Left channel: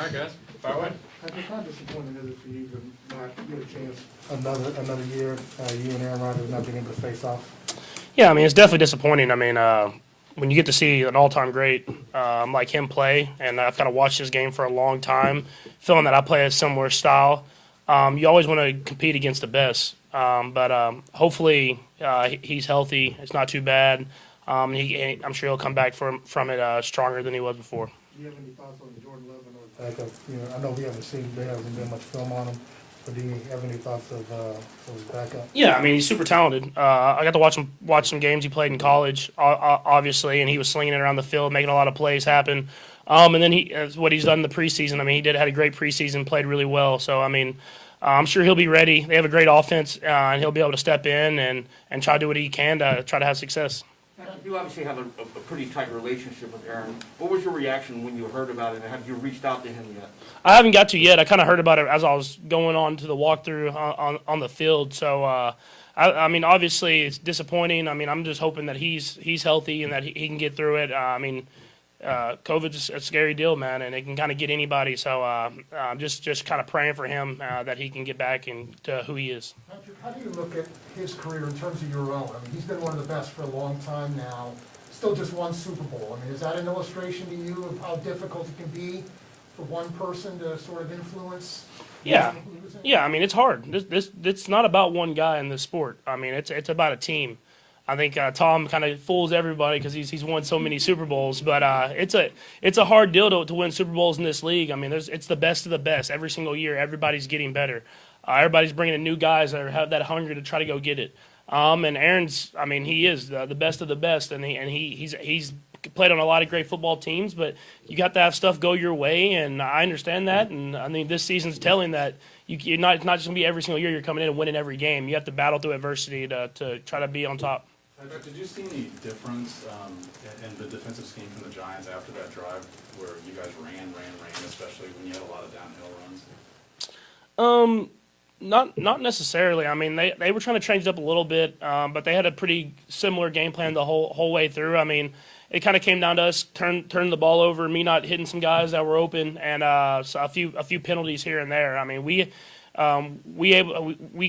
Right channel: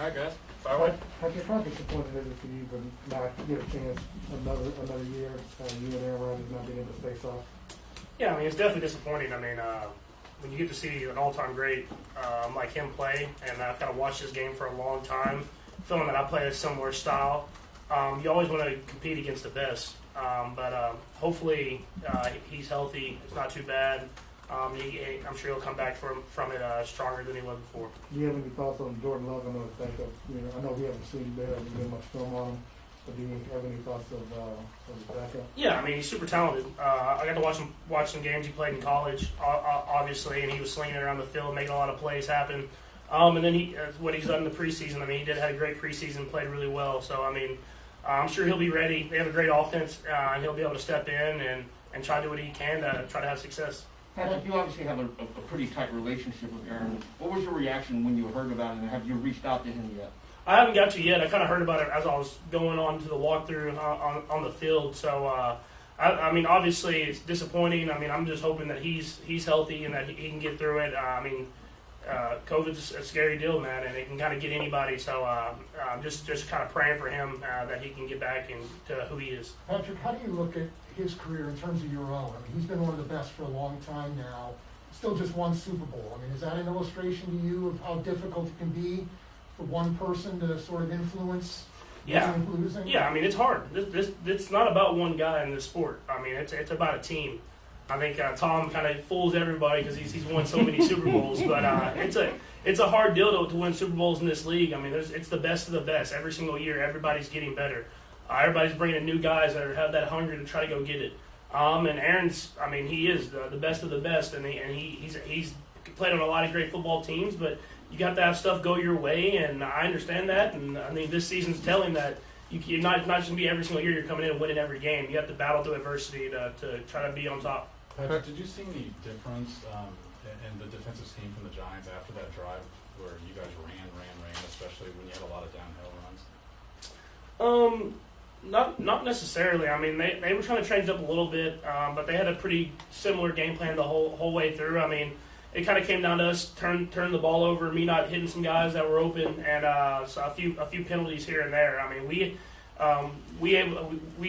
All right, guys. Fire away. Patrick, how disappointing is it for you to not get a chance another year, you and Aaron Rodgers not being able to face off? Yeah, I mean, it's definitely disappointing. I mean, when you get to see an all-time great like him play, and I've kind of watched his game for a long time, feeling that I play a similar style, you always want to compete against the best. But hopefully he's healthy. It's not too bad. I'm sure he'll come back from it stronger than he was before. Do you have any thoughts on Jordan Love? I know the fact that, I know we haven't seen there hasn't been much film on him, but do you have any thoughts of his backup? Yeah, I mean, he's super talented. I got to watch some games he played in college, obviously, and he was slinging it around the field, making a lot of plays happen. And then what he's done in the preseason. I mean, had a great preseason, played really well. So I mean, I'm sure he'll be ready. They have a great offense, and he'll be able to step in and try to do what he can to try to have success. You obviously have a pretty tight relationship with Aaron. What was your reaction when you heard about it, and have you reached out to him yet? I haven't got to yet. I kind of heard about it as I was going on to the walkthrough on the field. So, I mean, obviously it's disappointing. I mean, I'm just hoping that he's healthy and that he can get through it. I mean, COVID's a scary deal, man, and it can kind of get anybody. So, I'm just kind of praying for him that he can get back into who he is. Patrick, how do you look at his career in terms of your own? I mean, he's been one of the best for a long time now. Still just one Super Bowl. I mean, is that an illustration to you of how difficult it can be for one person to sort of influence Yeah. losing? Yeah, I mean, it's hard. It's not about one guy in the sport. I mean, it's about a team. I think Tom kind of fools everybody because he's won so many Super Bowls, but it's a hard deal to win Super Bowls in this league. I mean, it's the best of the best every single year. Everybody's getting better. Everybody's bringing in new guys that have that hunger to try to go get it. And Aaron's, I mean, he is the best of the best, and he's played on a lot of great football teams, but you got to have stuff go your way, and I understand that. And I mean, this season's telling that you're not just going to be every single year you're coming in and winning every game. You have to battle through adversity to try to be on top. Pat, did you see any difference in the defensive scheme from the Giants after that drive where you guys ran, especially when you had a lot of downhill runs? Not necessarily. I mean, they were trying to change it up a little bit, but they had a pretty similar game plan the whole way through. I mean, it kind of came down to us turning the ball over, me not hitting some guys that were open, and so a few penalties here and there. I mean, we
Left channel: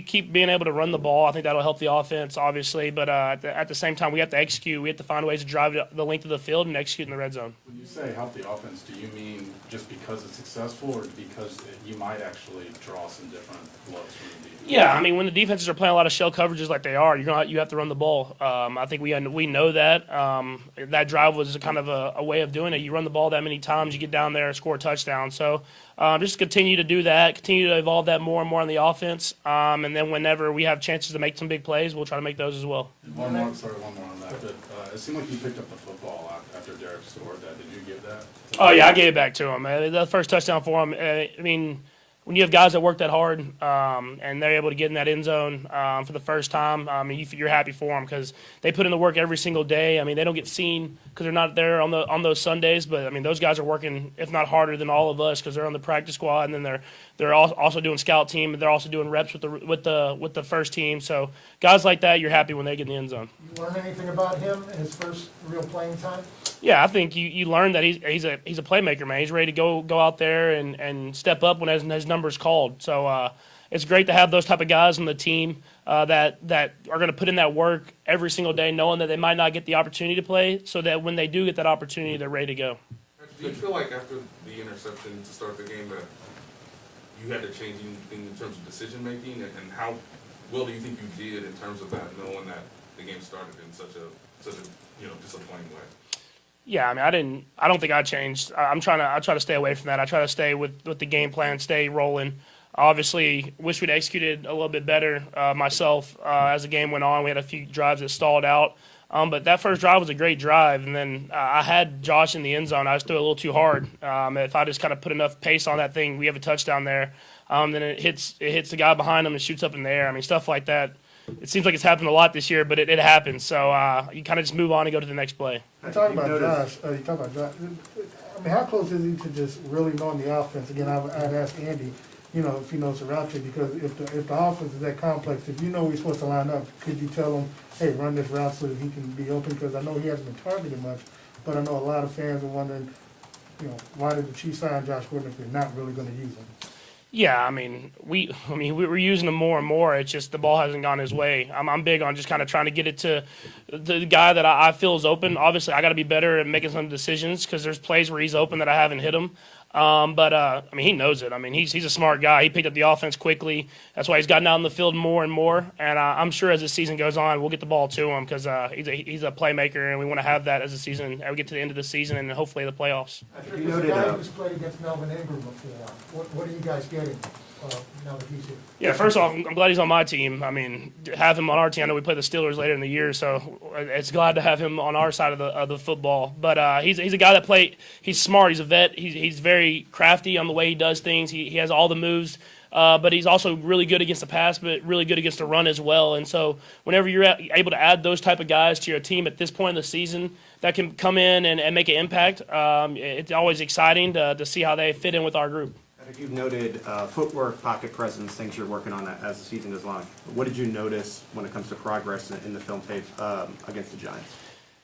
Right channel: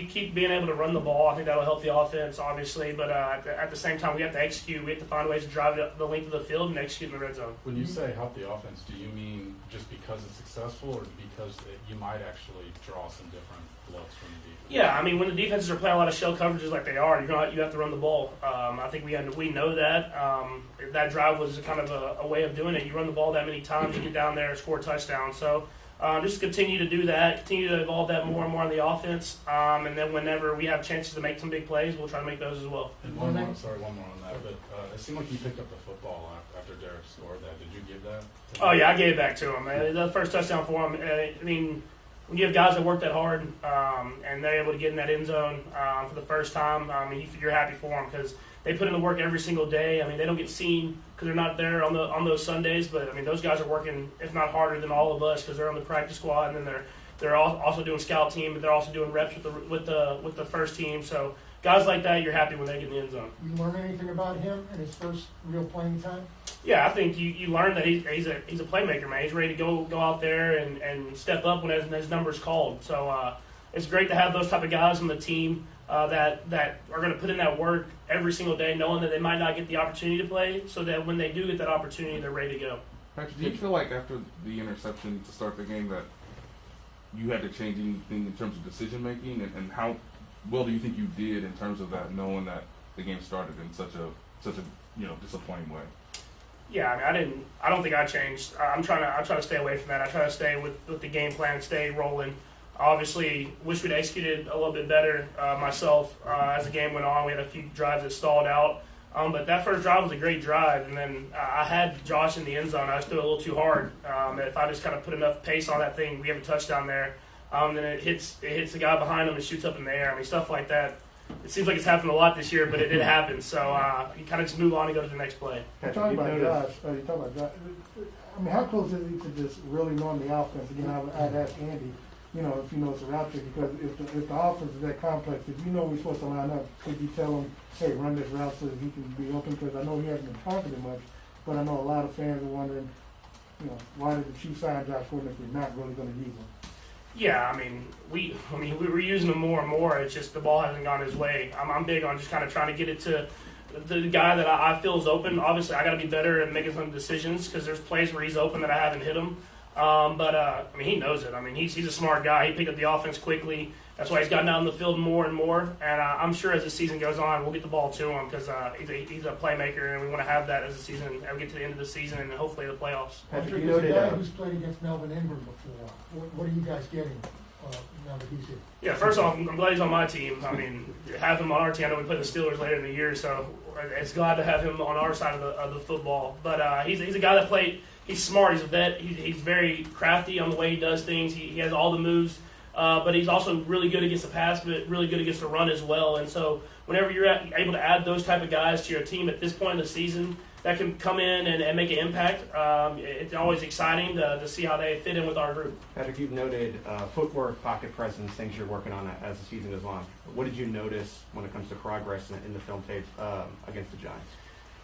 keep being able to run the ball. I think that'll help the offense, obviously, but at the same time, we have to execute. We have to find ways to drive the length of the field and execute in the red zone. When you say help the offense, do you mean just because it's successful, or because you might actually draw some different looks from the defense? Yeah, I mean, when the defenses are playing a lot of shell coverages like they are, you have to run the ball. I think we know that. That drive was kind of a way of doing it. You run the ball that many times, you get down there and score a touchdown. So just continue to do that, continue to evolve that more and more on the offense. And then whenever we have chances to make some big plays, we'll try to make those as well. And one more on that. But it seemed like you picked up the football after Derek scored that. Did you give that? Oh, yeah, I gave it back to him. The first touchdown for him, I mean, when you have guys that work that hard and they're able to get in that end zone for the first time, I mean, you're happy for them because they put in the work every single day. I mean, they don't get seen because they're not there on those Sundays, but, I mean, those guys are working, if not harder than all of us, because they're on the practice squad, and then they're also doing scout team, but they're also doing reps with the first team. So guys like that, you're happy when they get in the end zone. You learn anything about him in his first real playing time? Yeah, I think you learn that he's a playmaker, man. He's ready to go out there and step up when his number's called. So it's great to have those type of guys on the team that are going to put in that work every single day, knowing that they might not get the opportunity to play, so that when they do get that opportunity, they're ready to go. Patrick, do you feel like after the interception to start the game that you had to change anything in terms of decision making, and how well do you think you did in terms of that, knowing that the game started in such a disappointing way? Yeah, I mean, I don't think I changed. I try to stay away from that. I try to stay with the game plan, stay rolling. Obviously, wish we'd executed a little bit better myself as the game went on. We had a few drives that stalled out. But that first drive was a great drive, and then I had Josh in the end zone. I just threw it a little too hard. If I just kind of put enough pace on that thing, we have a touchdown there. Then it hits the guy behind him and shoots up in the air. I mean, stuff like that. It seems like it's happened a lot this year, but it happens. So you kind of just move on and go to the next play. You talk about Josh. I mean, how close is he to just really knowing the offense? Again, I'd ask Andy, if he knows the route tree, because if the offense is that complex, if you know he's supposed to line up, could you tell him, hey, run this route so that he can be open? Because I know he hasn't been targeted much, but I know a lot of fans are wondering, why did the Chiefs sign Josh Gordon if you're not really going to use him? Yeah, I mean, we were using him more and more. It's just the ball hasn't gone his way. I'm big on just kind of trying to get it to the guy that I feel is open. Obviously, I got to be better at making some decisions because there's plays where he's open that I haven't hit him. But I mean, he knows it. I mean, he's a smart guy. He picked up the offense quickly. That's why he's gotten out in the field more and more. And I'm sure as the season goes on, we'll get the ball to him because he's a playmaker, and we want to have that as the season. We get to the end of the season and hopefully the playoffs. Patrick, as a guy who's played against Melvin Ingram before, what are you guys getting now that he's here? Yeah, first off, I'm glad he's on my team. I mean, to have him on our team, I know we play the Steelers later in the year, so it's glad to have him on our side of the football. But he's a guy that played. He's smart. He's a vet. He's very crafty on the way he does things. He has all the moves. But he's also really good against the pass, but really good against the run as well. And so whenever you're able to add those type of guys to your team at this point in the season that can come in and make an impact, it's always exciting to see how they fit in with our group. Patrick, you've noted footwork, pocket presence, things you're working on as the season goes on. What did you notice when it comes to progress in the film tape against the Giants?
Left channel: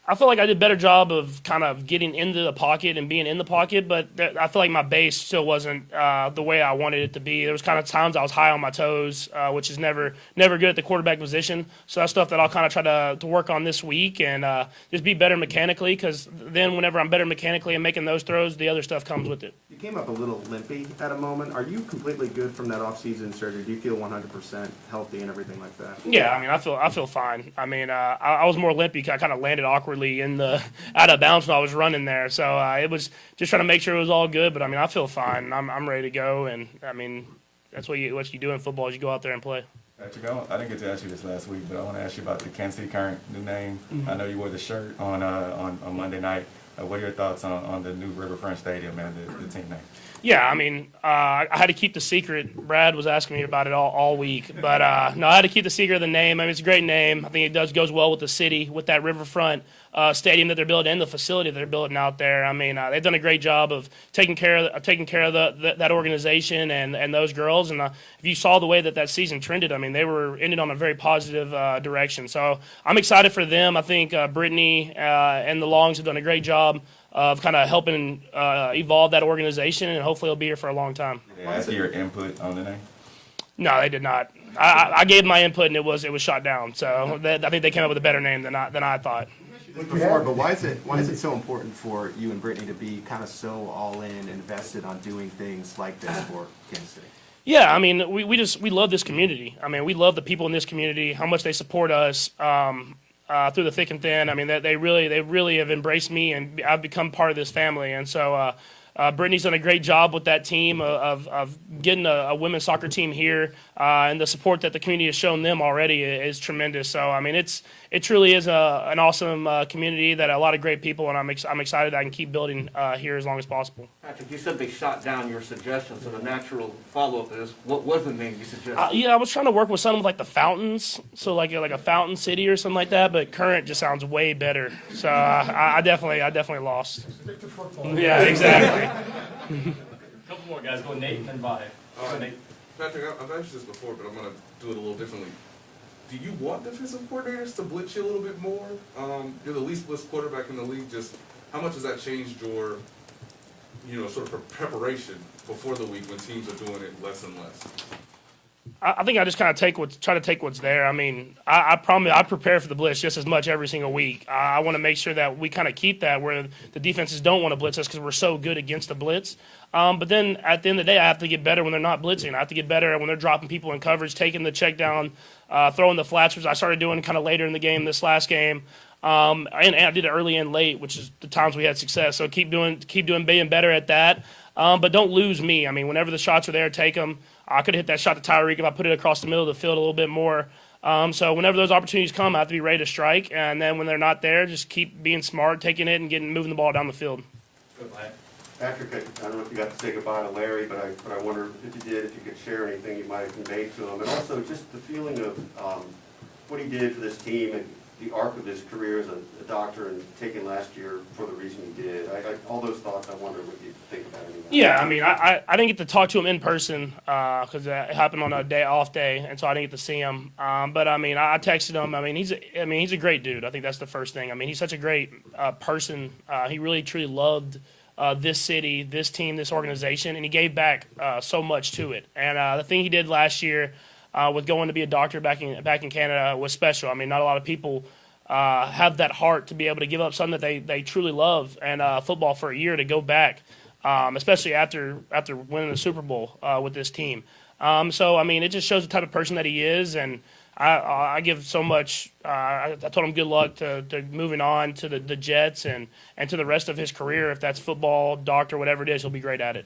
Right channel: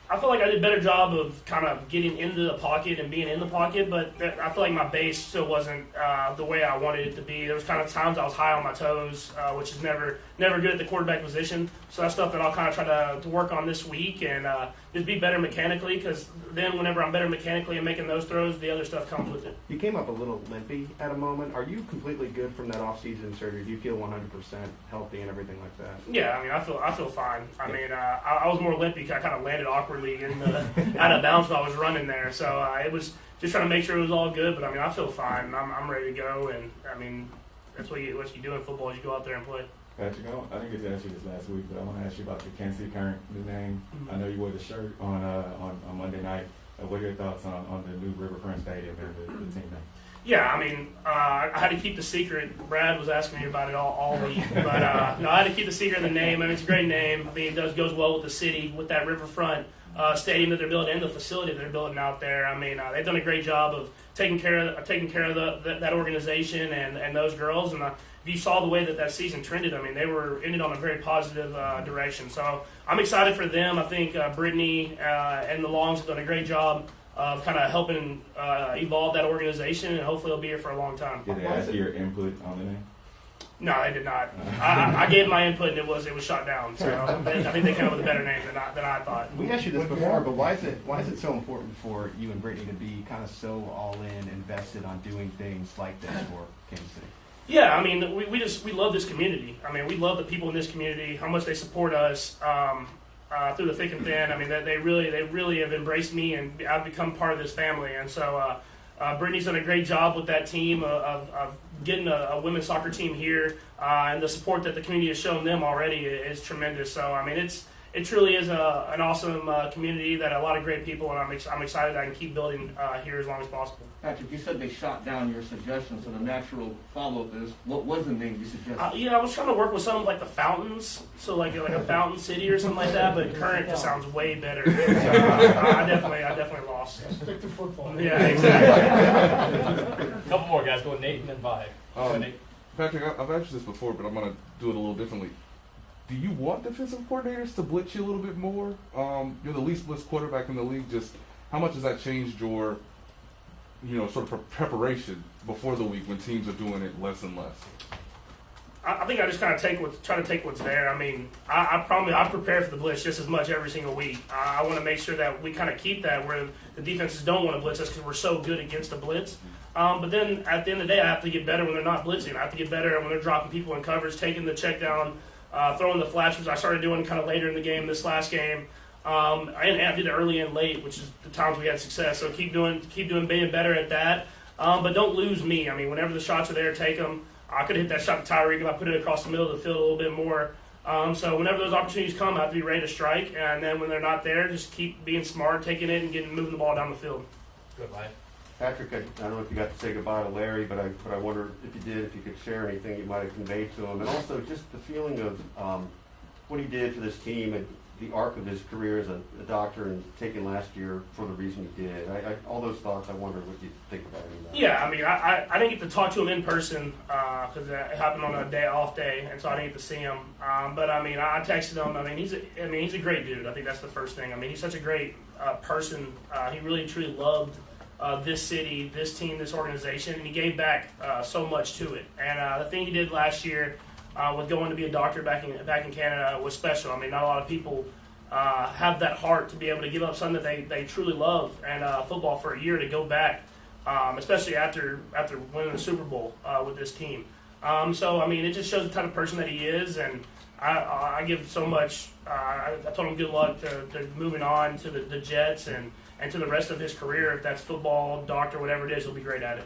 I feel like I did a better job of kind of getting into the pocket and being in the pocket, but I feel like my base still wasn't the way I wanted it to be. There was kind of times I was high on my toes, which is never good at the quarterback position. So that's stuff that I'll kind of try to work on this week and just be better mechanically, because then whenever I'm better mechanically and making those throws, the other stuff comes with it. You came up a little limpy at a moment. Are you completely good from that off-season surgery? Do you feel 100% healthy and everything like that? Yeah, I mean, I feel fine. I mean, I was more limpy because I kind of landed awkwardly in the out of bounds while I was running there. So it was just trying to make sure it was all good. But I mean, I feel fine. I'm ready to go. And I mean, that's what you do in football is you go out there and play. Patrick, I didn't get to ask you this last week, but I want to ask you about the Kansas City Current, new name. I know you wore the shirt on Monday night. What are your thoughts on the new Riverfront Stadium and the team name? Yeah, I mean, I had to keep the secret. Brad was asking me about it all week. But, no, I had to keep the secret of the name. I mean, it's a great name. I think it goes well with the city, with that Riverfront stadium that they're building and the facility that they're building out there. I mean, they've done a great job of taking care of that organization and those girls. And if you saw the way that season trended, I mean, they were ended on a very positive direction. So I'm excited for them. I think Brittany and the Longs have done a great job of kind of helping evolve that organization, and hopefully it'll be here for a long time. Did they ask you your input on the name? No, they did not. I gave my input, and it was shot down. So I think they came up with a better name than I thought. We asked you this before, but why is it so important for you and Brittany to be kind of so all in, invested on doing things like this for Kansas City? Yeah, I mean, we love this community. I mean, we love the people in this community, how much they support us through the thick and thin. I mean, they really have embraced me, and I've become part of this family. And so Brittany's done a great job with that team of getting a women's soccer team here, and the support that the community has shown them already is tremendous. So, I mean, it truly is an awesome community that a lot of great people, and I'm excited that I can keep building here as long as possible. Patrick, you said they shot down your suggestion, so the natural follow-up is, what was the name you suggested? Yeah, I was trying to work with something like the Fountains, so like a Fountain City or something like that, but Current just sounds way better. So I definitely lost. Stick to football. Yeah, exactly. Couple more guys, go Nate and then Vi. Nate. Patrick, I've asked you this before, but I'm going to do it a little differently. Do you want defensive coordinators to blitz you a little bit more? You're the least blitzed quarterback in the league. Just how much has that changed your, sort of preparation before the week when teams are doing it less and less? I think I just kind of try to take what's there. I mean, I prepare for the blitz just as much every single week. I want to make sure that we kind of keep that where the defenses don't want to blitz us because we're so good against the blitz. But then at the end of the day, I have to get better when they're not blitzing. I have to get better when they're dropping people in coverage, taking the check down, throwing the flats, which I started doing kind of later in the game, this last game. And I did it early and late, which is the times we had success. So keep doing being better at that. But don't lose me. I mean, whenever the shots are there, take them. I could have hit that shot to Tyreek if I put it across the middle of the field a little bit more. So whenever those opportunities come, I have to be ready to strike. And then when they're not there, just keep being smart, taking it, and moving the ball down the field. Good play. Patrick, I don't know if you got to say goodbye to Larry, but I wonder if you did, if you could share anything you might have conveyed to him, and also just the feeling of what he did for this team and the arc of his career as a doctor and taking last year for the reason he did. All those thoughts, I wonder what you think about it. Yeah, I mean, I didn't get to talk to him in person because it happened on a off day, and so I didn't get to see him. But I mean, I texted him. I mean, he's a great dude. I think that's the first thing. I mean, he's such a great person. He really truly loved this city, this team, this organization, and he gave back so much to it. And the thing he did last year with going to be a doctor back in Canada was special. I mean, not a lot of people have that heart to be able to give up something that they truly love and football for a year to go back, especially after winning the Super Bowl with this team. So, I mean, it just shows the type of person that he is, and I give so much. I told him good luck to moving on to the Jets and to the rest of his career. If that's football, doctor, whatever it is, he'll be great at it.